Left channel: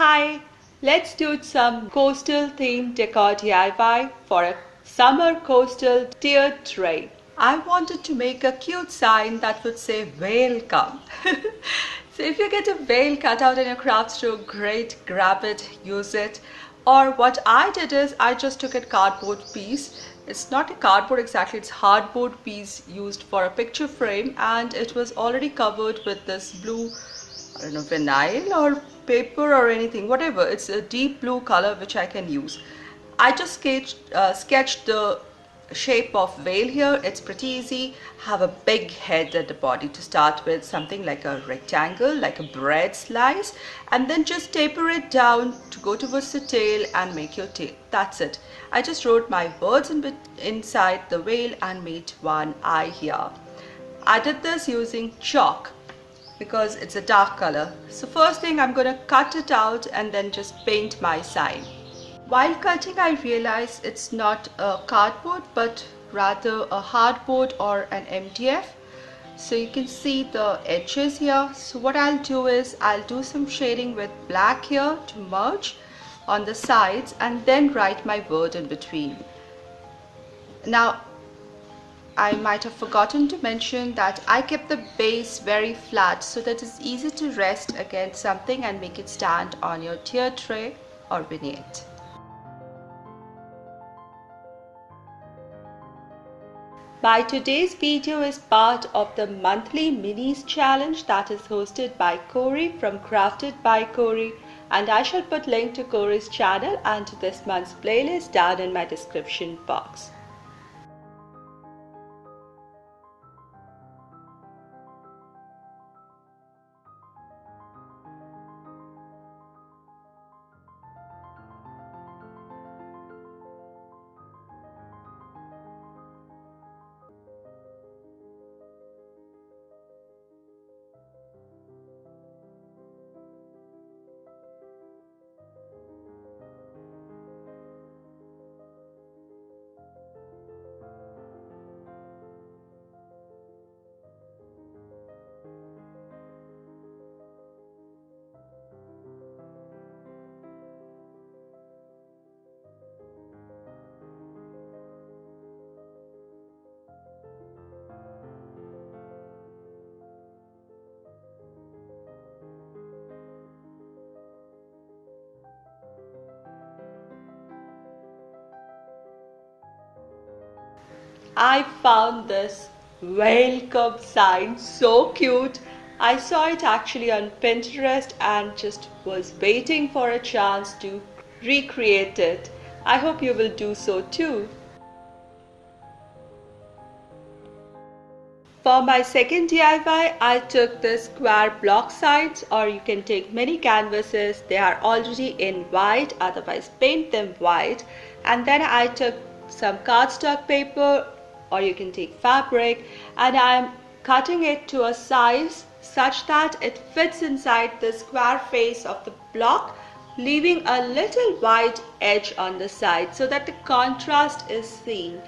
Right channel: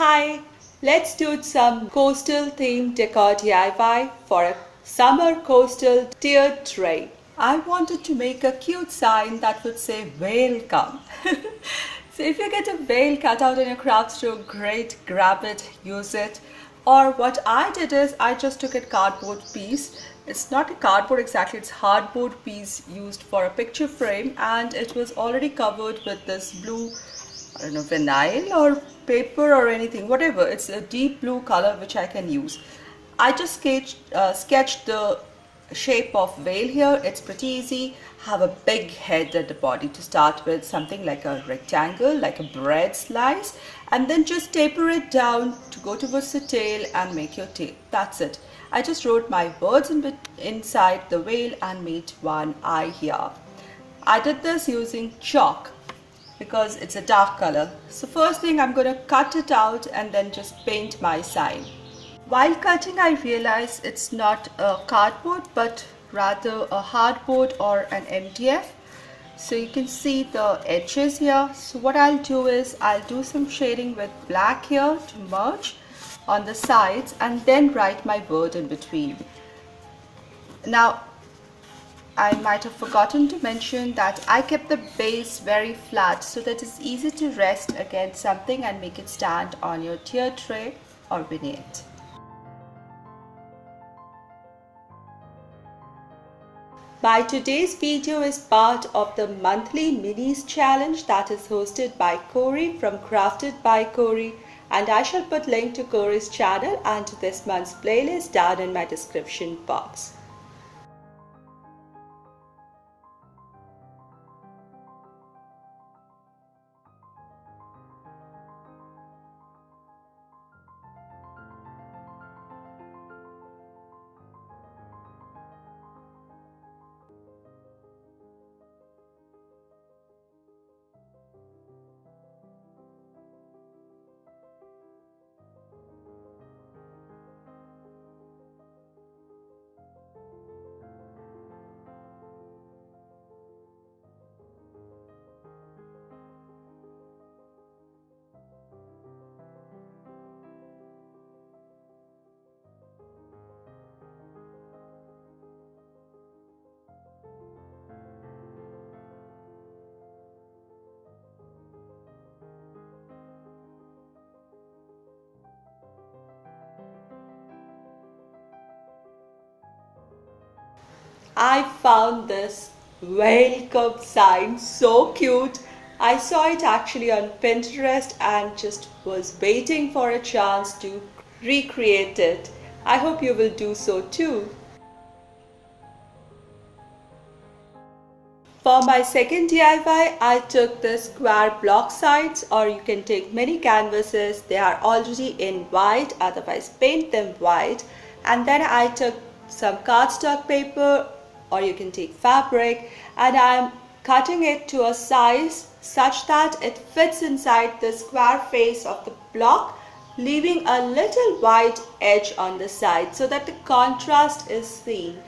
Hi, let's do some coastal themed decor DIY for a summer coastal tier tray. I wanted to make a cute sign that would say welcome. So if you get a whale cut out in your craft store, great, grab it, use it. Or what I did is I just took a cardboard piece. It's not a cardboard exactly, it's hardboard piece used for a picture frame, and it was already covered with this blue, I don't know, vinyl or paper or anything, whatever. It's a deep blue color which I can use. I just sketched the shape of whale here. It's pretty easy. Have a big head at the body to start with, something like a rectangle, like a bread slice, and then just taper it down to go towards the tail and make your tail. That's it. I just wrote my words inside the whale and made one eye here. I did this using chalk because it's a dark color. So first thing, I'm going to cut it out and then just paint my sign. While cutting, I realized it's not a cardboard but rather a hardboard or an MDF. So you can see the edges here. So what I'll do is I'll do some shading with black here to merge on the sides and then write my word in between. Now, I might have forgotten to mention that I kept the base very flat so that it's easy to rest against something and make it stand on your tier tray or vignette. My today's video is part of the monthly minis challenge that is hosted by Corey from Crafted by Corey, and I shall put link to Corey's channel and to this month's playlist down in my description box. I found this welcome sign so cute. I saw it actually on Pinterest and just was waiting for a chance to recreate it. I hope you will do so too. For my second DIY, I took the square block sides, or you can take many canvases. They are already in white, otherwise paint them white. And then I took some cardstock paper, or you can take fabric, and I'm cutting it to a size such that it fits inside the square face of the block, leaving a little white edge on the side so that the contrast is seen.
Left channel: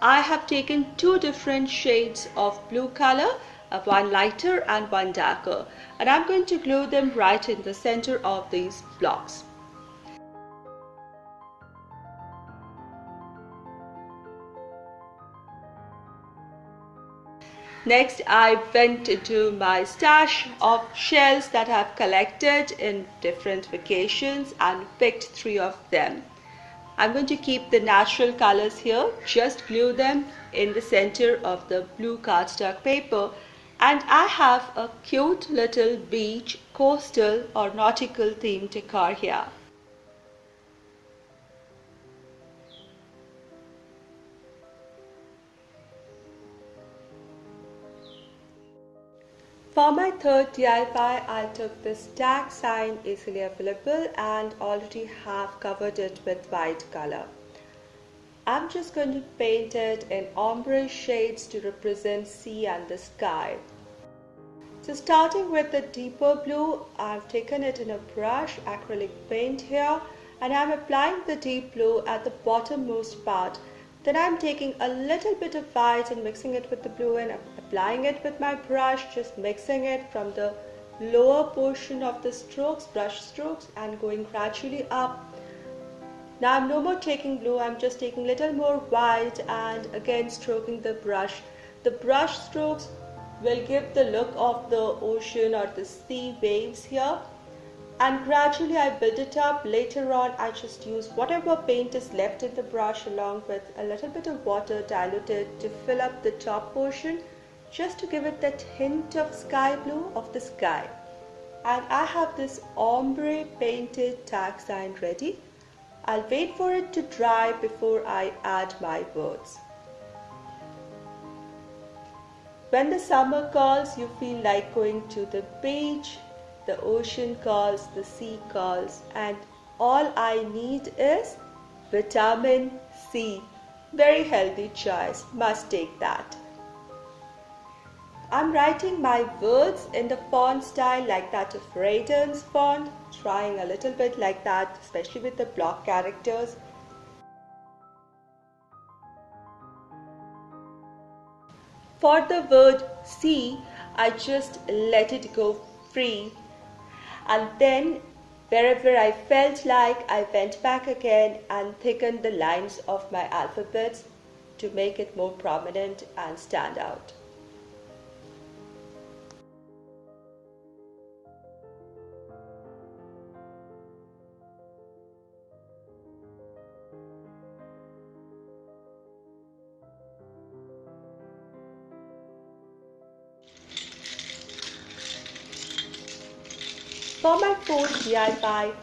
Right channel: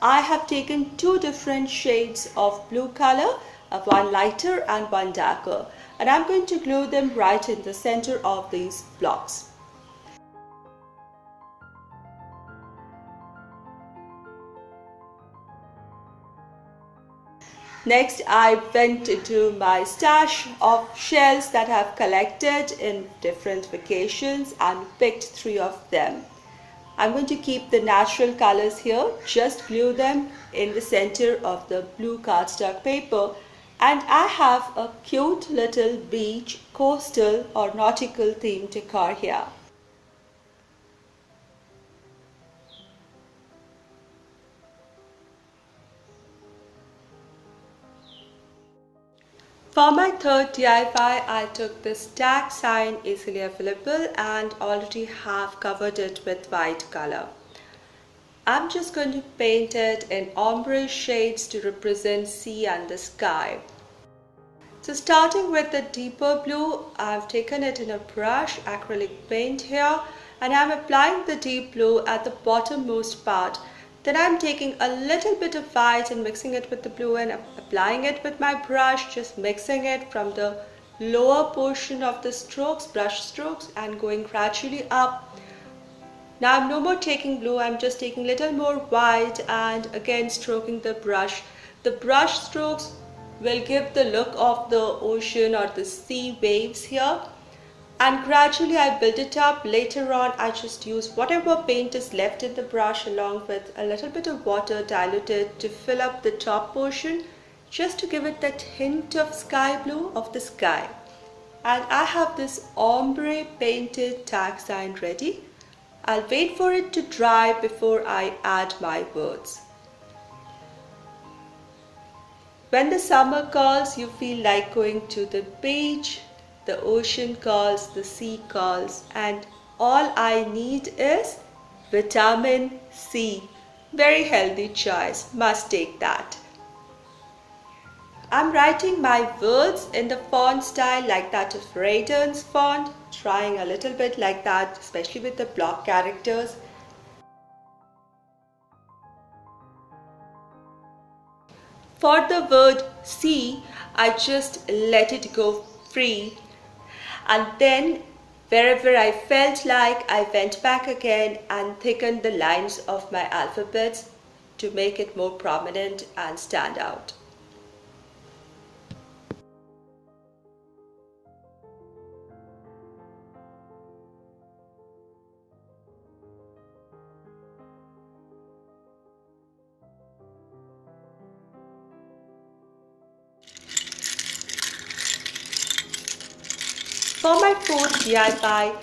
I have taken two different shades of blue color, one lighter and one darker, and I'm going to glue them right in the center of these blocks. Next, I went into my stash of shells that I have collected in different vacations and picked 3 of them. I'm going to keep the natural colors here, just glue them in the center of the blue cardstock paper, and I have a cute little beach, coastal or nautical theme decor here. For my third DIY, I took this tag sign, easily available, and already have covered it with white color. I'm just going to paint it in ombre shades to represent sea and the sky. So starting with the deeper blue, I've taken it in a brush, acrylic paint here, and I'm applying the deep blue at the bottommost part. Then I'm taking a little bit of white and mixing it with the blue and applying it with my brush, just mixing it from the lower portion of the strokes, brush strokes, and going gradually up. Now I'm no more taking blue, I'm just taking a little more white and again stroking the brush. The brush strokes will give the look of the ocean or the sea waves here. And gradually I build it up. Later on I just use whatever paint is left in the brush along with a little bit of water diluted to fill up the top portion, just to give it that hint of sky blue of the sky. And I have this ombre painted tag sign ready. I'll wait for it to dry before I add my words. When the summer calls, you feel like going to the beach, the ocean calls, the sea calls, and all I need is vitamin C. Very healthy choice, must take that. I'm writing my words in the font style like that of Raydon's font, trying a little bit like that, especially with the block characters. For the word sea, I just let it go free, and then wherever I felt like, I went back again and thickened the lines of my alphabets to make it more prominent and stand out. For my fourth DIY,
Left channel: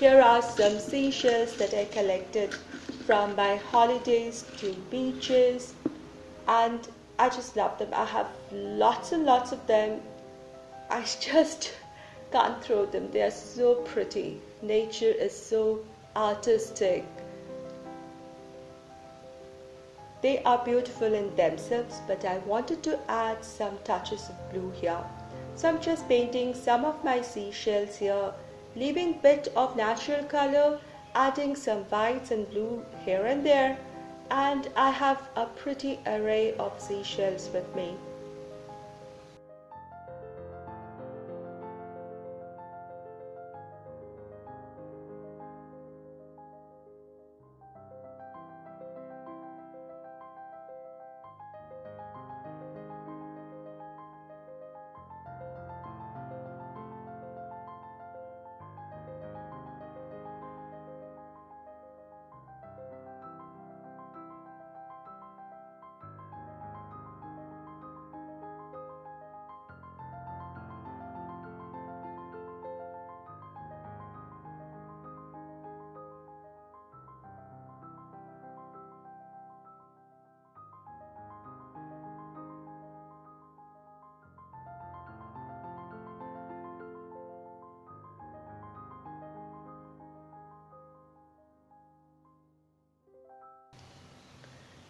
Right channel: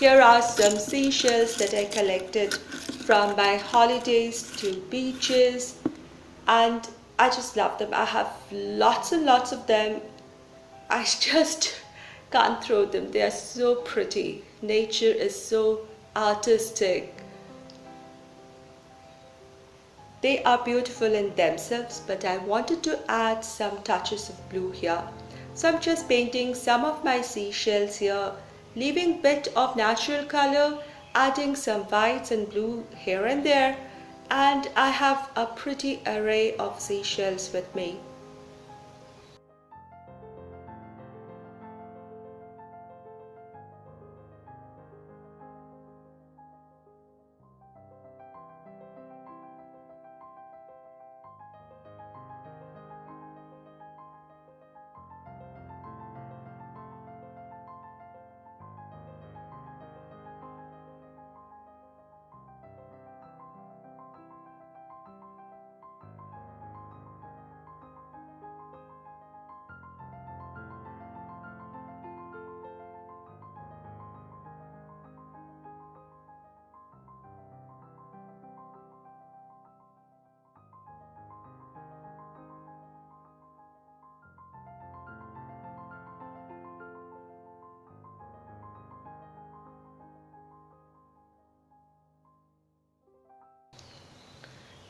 here are some seashells that I collected from my holidays to beaches, and I just love them. I have lots and lots of them. I just can't throw them. They are so pretty. Nature is so artistic. They are beautiful in themselves, but I wanted to add some touches of blue here. So I'm just painting some of my seashells here, leaving a bit of natural color, adding some whites and blue here and there, and I have a pretty array of seashells with me.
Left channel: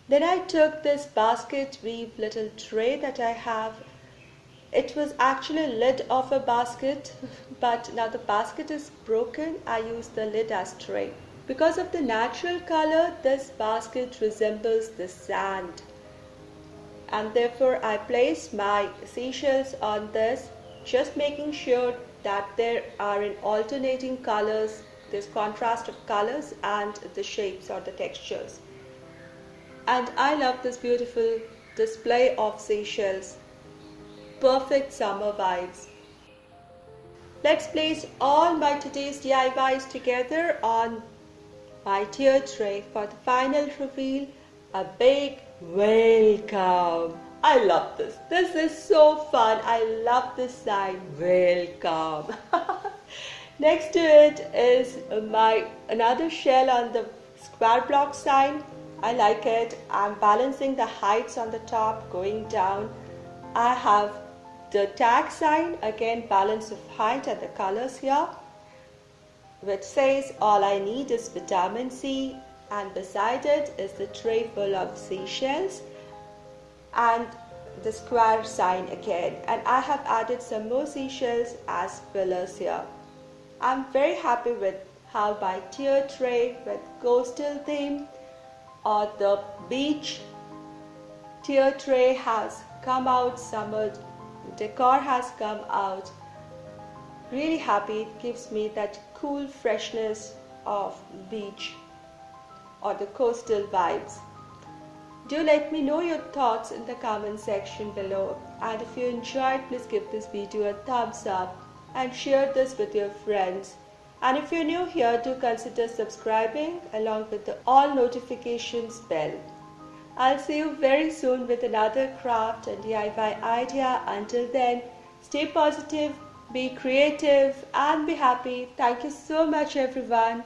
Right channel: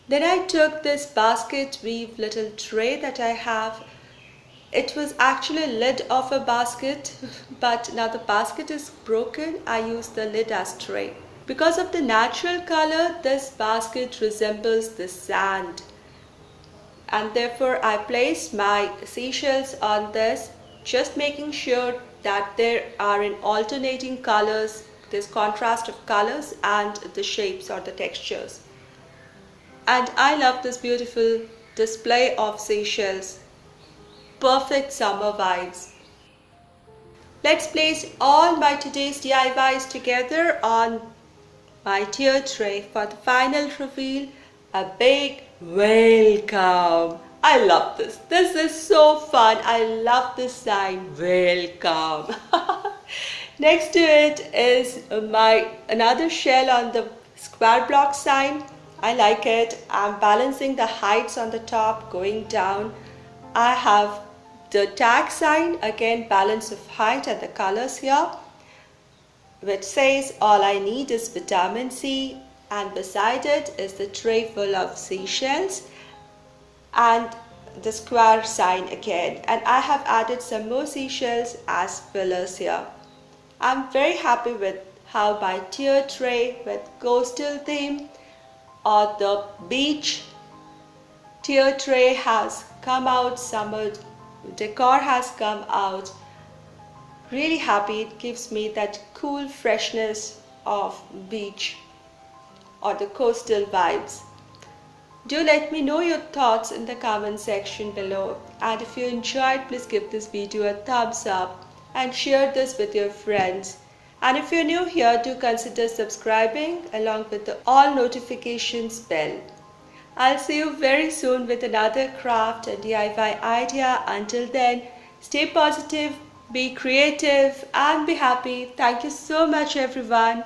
Then I took this basket weave little tray that I have. It was actually a lid of a basket, but now the basket is broken. I use the lid as tray. Because of the natural color, this basket resembles the sand. And therefore I place my seashells on this, just making sure that there are in alternating colors, this contrast of colors and the shapes or the textures. And I love this beautiful display of seashells. Perfect summer vibes. Let's place all my today's DIYs together on my tier tray for the final reveal. A big welcome. I love this. This is so fun. I love this sign. Welcome. Next to it is my another shell on the square block sign. I like it. I'm balancing the heights on the top, going down. I have the tag sign, again balance of height and the colors here, which says all I need is vitamin C, and beside it is the tray full of seashells and the square sign again. And I have added some more seashells as fillers here. I'm very happy with how my tier tray with coastal theme or the beach tier tray has come out. Summer decor has come out. Really happy. It gives me that cool freshness of beach or the coastal vibes. Do let me know your thoughts in the comment section below, and if you enjoyed, please give this video a thumbs up and share this with your friends. And if you're new here, do consider subscribing along with the all notifications bell. I'll see you very soon with another craft and DIY idea. Until then, stay positive, be creative and be happy. Thank you so much everyone.